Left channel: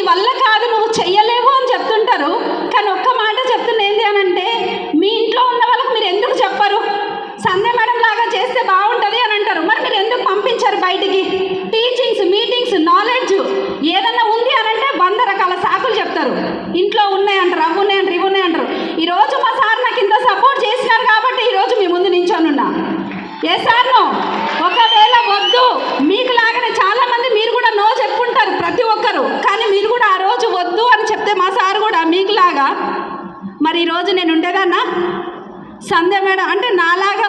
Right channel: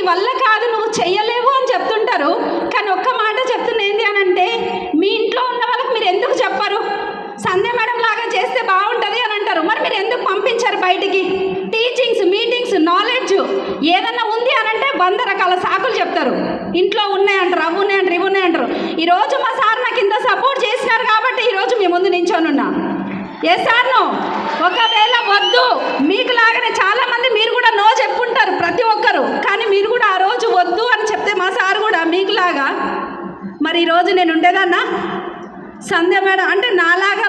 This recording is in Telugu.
నీ వల్ల కాదు, నువ్వు చెయ్యలేవు అని చెప్తుంటారు. కానీ ఒక్క మాట చెప్తున్నా ఏంటి అని అంటే, మీ ఇంట్లో ఉన్న వాళ్ళకి మీరు ఎందుకు చెప్పరు? సంధ్య మేడం లాగా చేస్తే బాగుంటుంది అని అంటారు. మరి మీరు ఎందుకు పంపించారు బయటికి? టీచింగ్స్, మీటింగ్స్, నాలెడ్జ్ ఏదన్నా ఉంది అని అంటే 100 రకాల సాకులు చెప్తారు. ఇంట్లో ఉన్నాయంటారు, అవి ఉన్నాయంటారు, ఇవి ఉన్నాయంటారు. ఈరోజు మా సార్ నాకు ఇంత సపోర్ట్ చేసినారు కాబట్టి ఈరోజు మీ ముందు నించోనున్నా. ఏ సార్ నో? ఒకవేళ వద్దు, మీకు లాగానే చాలామంది మీరు కూడా నో చెప్పుకుంటారు ప్రతి ఒక్కరు. కానీ మీరు కూడా ఆ రోజు వద్దు అని చెప్తే మా సార్ కూడా మీకులాగా మరి ఈరోజు నేను ఉండేదన్నా? సంధ్య మేడం అంటే నాలాగా